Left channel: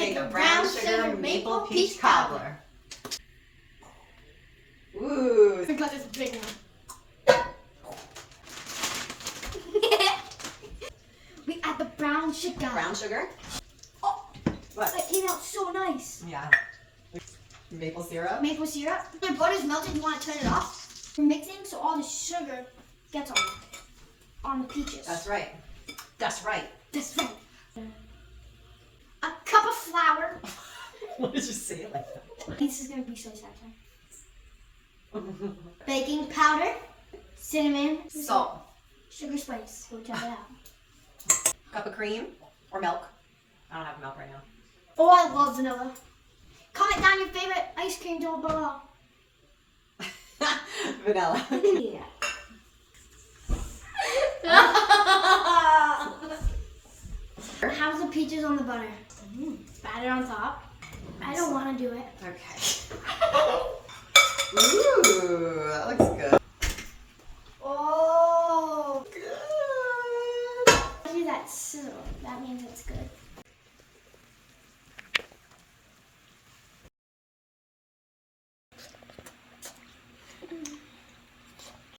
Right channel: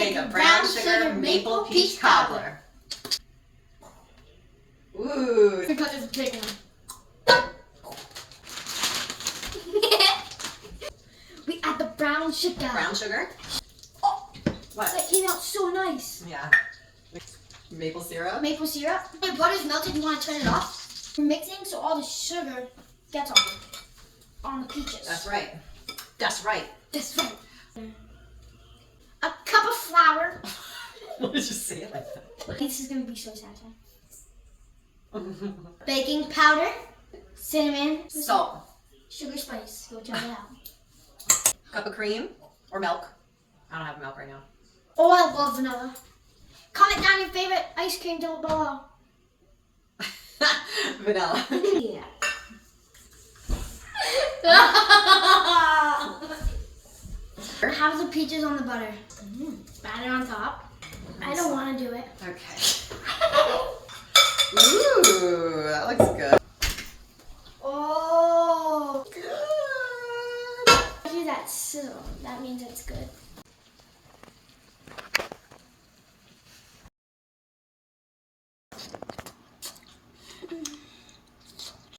make a brown sugar maple peach cobbler. Ooh. Because it's big one. We add the brown sugar. Brown sugar? Oh, What? that came out so nice. Yeah. Maple syrup? Maple syrup. When the butter's melted, you want to turn it off. We're mixing so all the sugar gets on the peaches. That's right. That's right. That's right. A cup of flour. What did you say like that? This is going to be so sad. Baking powder, cinnamon, Salt. sugar, spice. Go try it out. Cup of cream or milk. I don't have milk right now. Oh, I love vanilla. Comment down your favorite ice cream down below. Vanilla. Yeah. How's the peaches on the butter? Bat it on top. I don't want to do it. Okay. Ooh, that looks good. Oh, good. See that sizzle. That means it's good.